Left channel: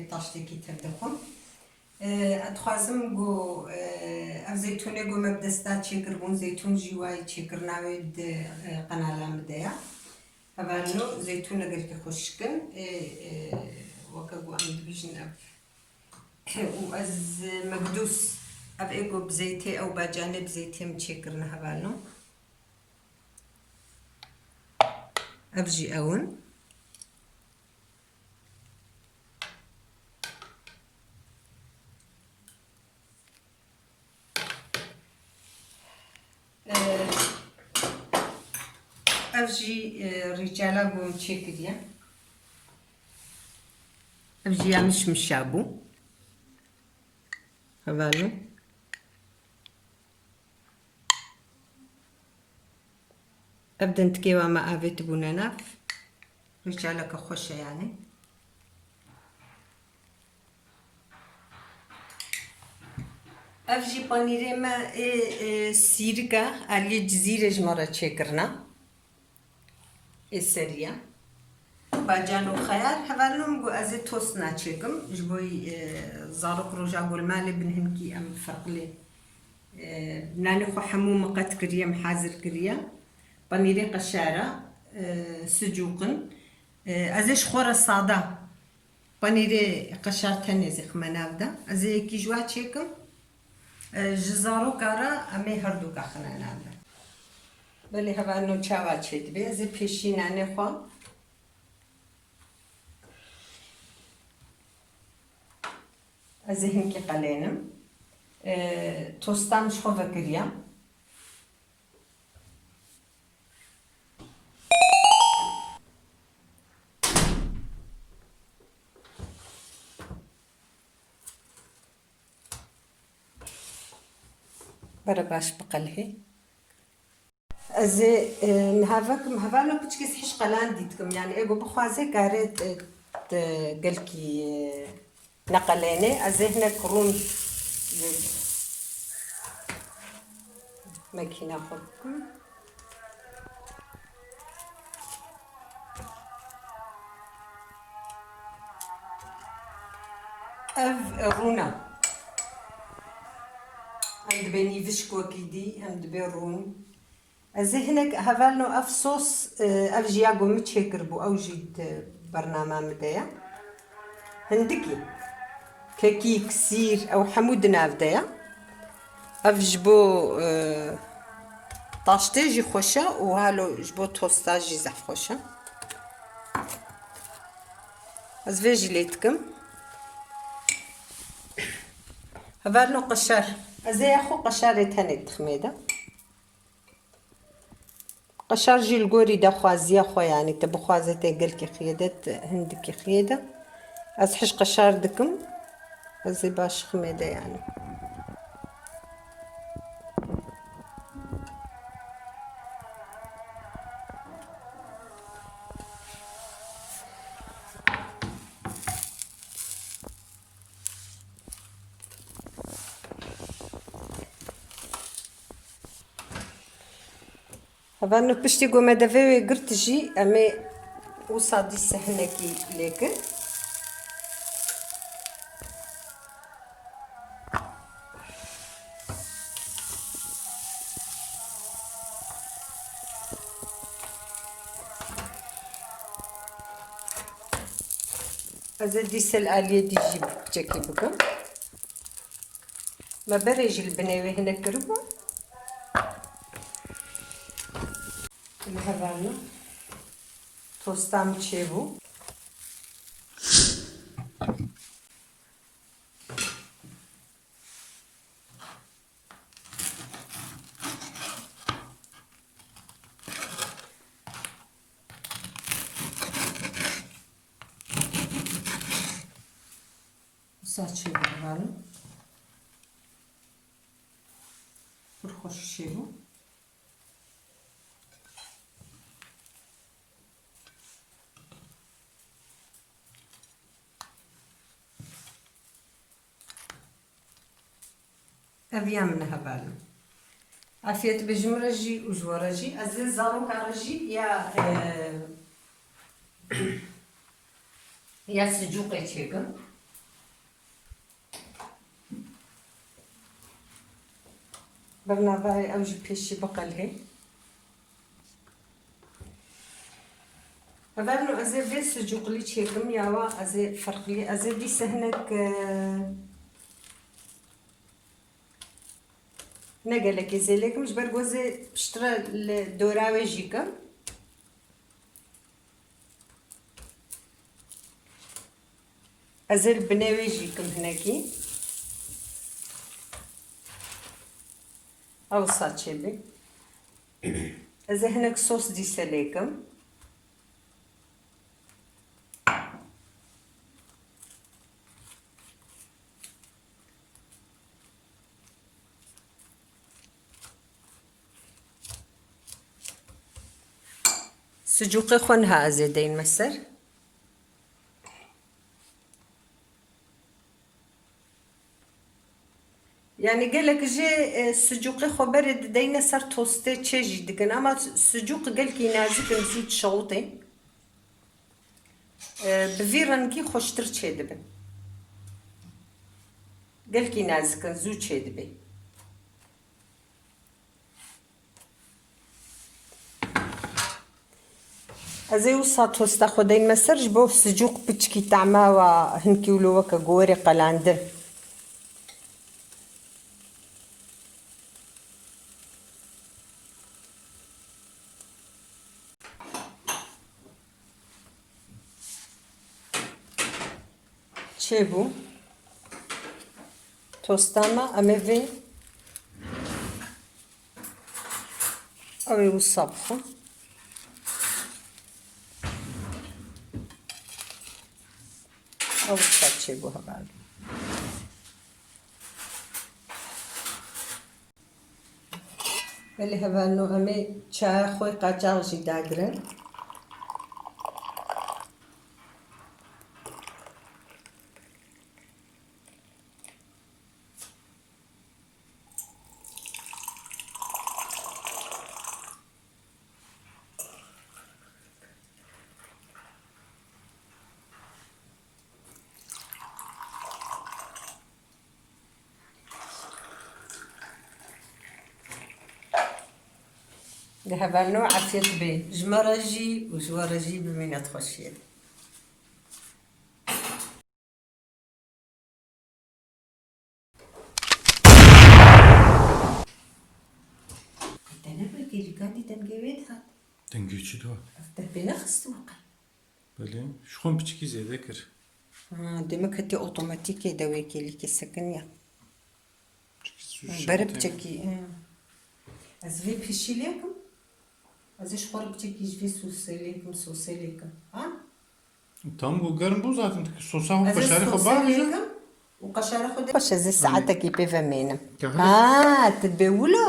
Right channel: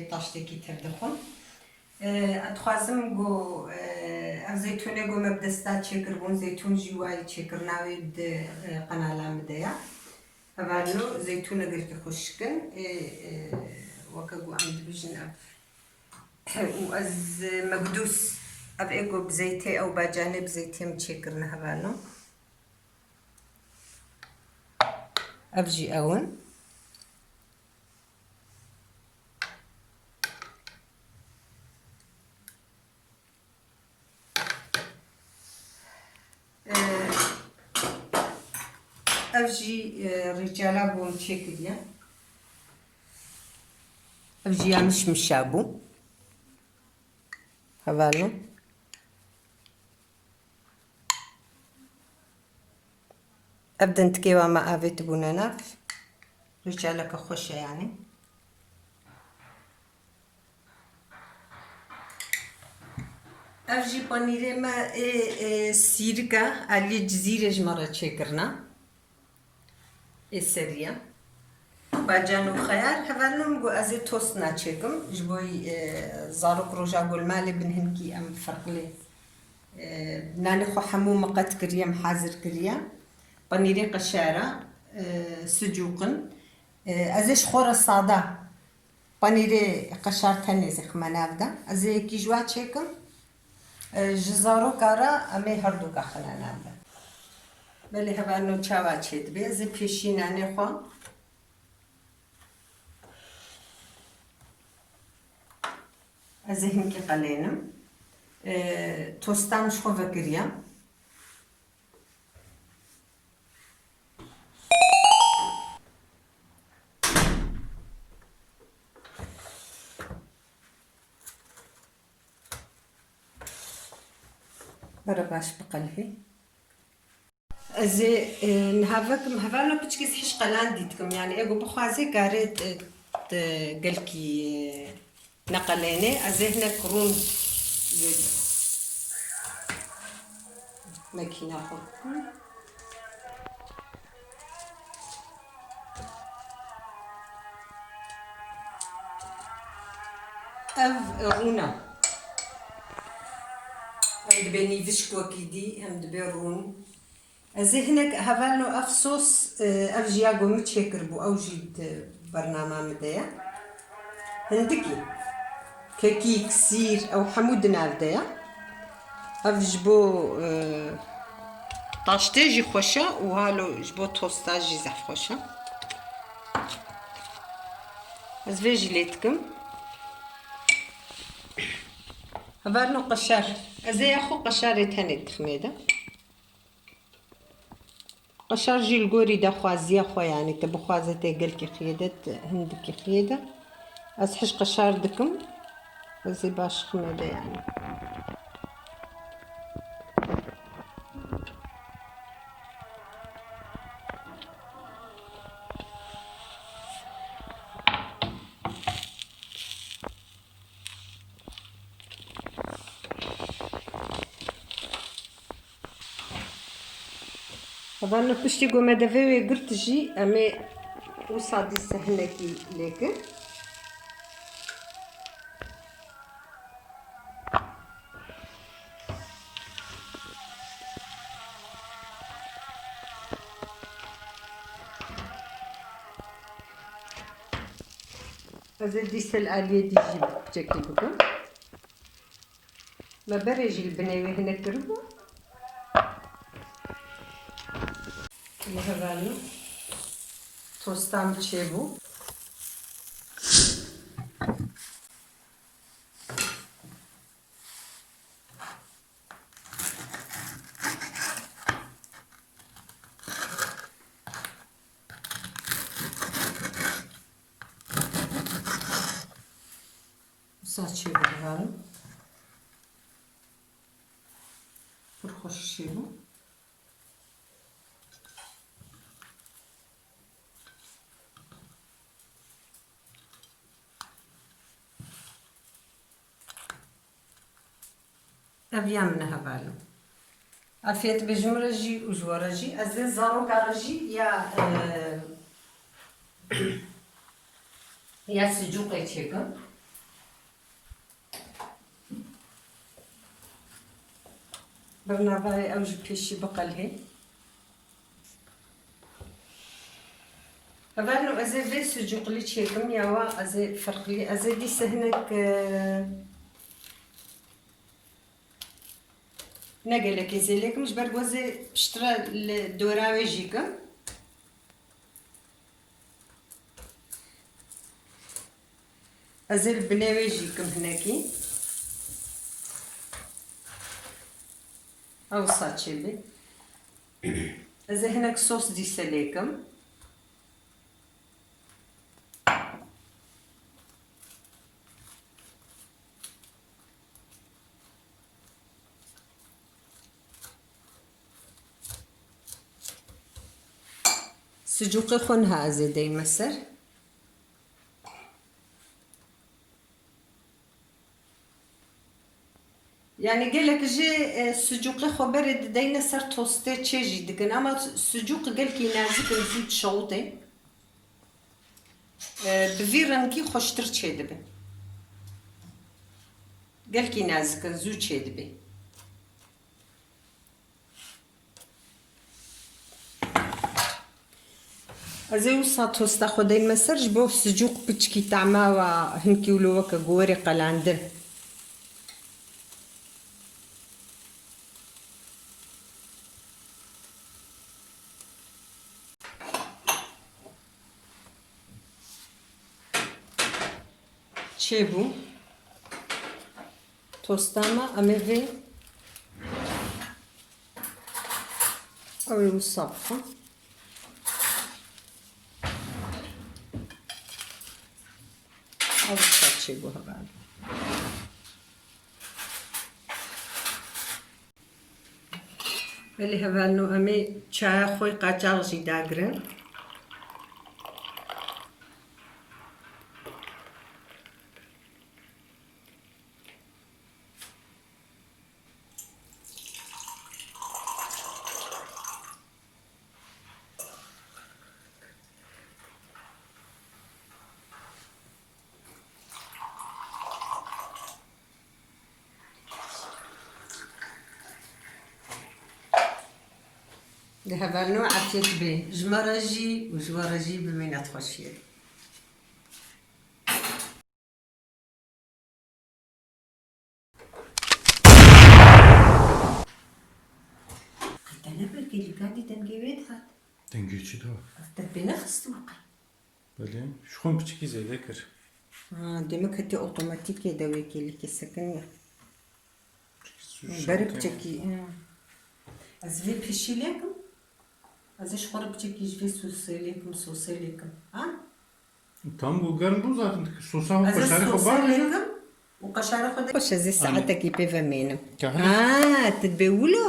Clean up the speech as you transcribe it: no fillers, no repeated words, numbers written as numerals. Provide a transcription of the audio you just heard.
أبي طاشتي كي تردخون أتخازم جو زيتونة جو مبدستا تشكربون زيتون جواي تشكرنا ود قناة مديا أبانو زيتونة قلت خشكن وكجو عند بيجن وأز مقدوس أبقى بزيتي أو بجانب زيتي متشكرنا هبانو أبجي أون أبجي رجالا بوم تشكريا أبجي مش مشابو هبانو أبدأ نتكيوا مع أبيت بونيناف رجالا كخوشة يعني أفجي بانيري ما سيركا على جزيرة جمرة تشكرنا السرية باجانو خيار هفالنم جو أزي توسنا تشكم جبوي زاروك روجا قول مالي بنهنكي أم فرقلي نانخو حمو مقات كريا محازر كريا بانيري قشارة سجوقن أزيش خورة صادا بانيري قشار تانيزي خماناودا أزي كي جوا تشكم جزارو كارا أمي هردو كخنا نعمل بلي هبا أنو تشاوال شيد بي زي بيشيناني خوا أزي هنكي قلينم توستان شخو فكريا برباش بقلهي أزي نهافكم هفالو بتشكيس حش قلان ديتكم يعني إيجو بخوازي قاريت قلكي نقليني أزي هنا كرون ماكينة خو أف رونا عند بني فشكو كيدي عند بيرون أزي هناك هفالنو أف صوص أف جياغو متشكربو أو جيد برنامج مدايا هندكي كيكي كسير أو حمود نافدايا أف جبو طاشتي جي خوشة وهالو جبو توستا جي زحف خوشة أز فيجي ليتكم هفالنو قشار أزي أخو قشاري تاني تخميدة قشار جي القوري دا خوازيا خو يعني تبو خوازتي قلكي خيدت هندكي خيدة از حش قشار دكم أزي باش خميدة يعني هذا بشتي قوم دافي قلت جي أمي وصادي سهلكي ليك هذا ديس الآلية دي جيب بتاكي بكم ما بريج البناوي هنا كربو هذا توستام تشيبو ساتشيبو هذا فرخوش شيبو أبيامنا هبالو عفيت بجمرجي وجورجي أزيز زارو كارجي يا سجوقي تشيكا برنابای ئەو ژ پێشی بقەل هەی هەڤارنۆ ئەزێ vê sucukli çêkim ya wa ezê ferqlî ezê dîse hinek ne gelekî zêlêkim ji ber ku ezê piştre li dora wê jîkim ezê li binê wê jîkim hinekî Awsa çêbê ezê hinek sos dîse lêkim Sucukê xwe niha ezê deyên me ser yani gelek jê sucukê xwe berê dideyne ser tostê çê jî dikin ama sucuk gelekî nazik in zû dişewitê bi vî rengî xweştir çê dibin gelekî nazik in zû çê dibe ezê wisa tosta xwe deyên me ser ji bo sucuk piçikî tema wa hinkî wilo weke gorê qelandin çêbû tosta me em ê vê ew ê wisa bixwe ew wisa çêbû hevalû belê hevalû em ê çaya xwe qaçax jî dagirin li hevalû efyet bê ji me re jî û ji we re jî bimîne xweşiyê te nebirkî gadî dengê wê dihat Dengê çi da? te pê nexistim qe Belê ji xwe piçikî zêde kir. demek hetê otomatîkê de wê kêlîkê sekin ya berê biçekî ez vê pêşî lêkim ez ê ji xwe re biçekî ji vê sosê lêkim ha Tam bu germ bû zaten sosa ez ê xweşarî xwe sosê bavê lêkim û qeşara xwe de xweş ez ê saetekî pê vemênim Ka hilê ha tu dibê wilo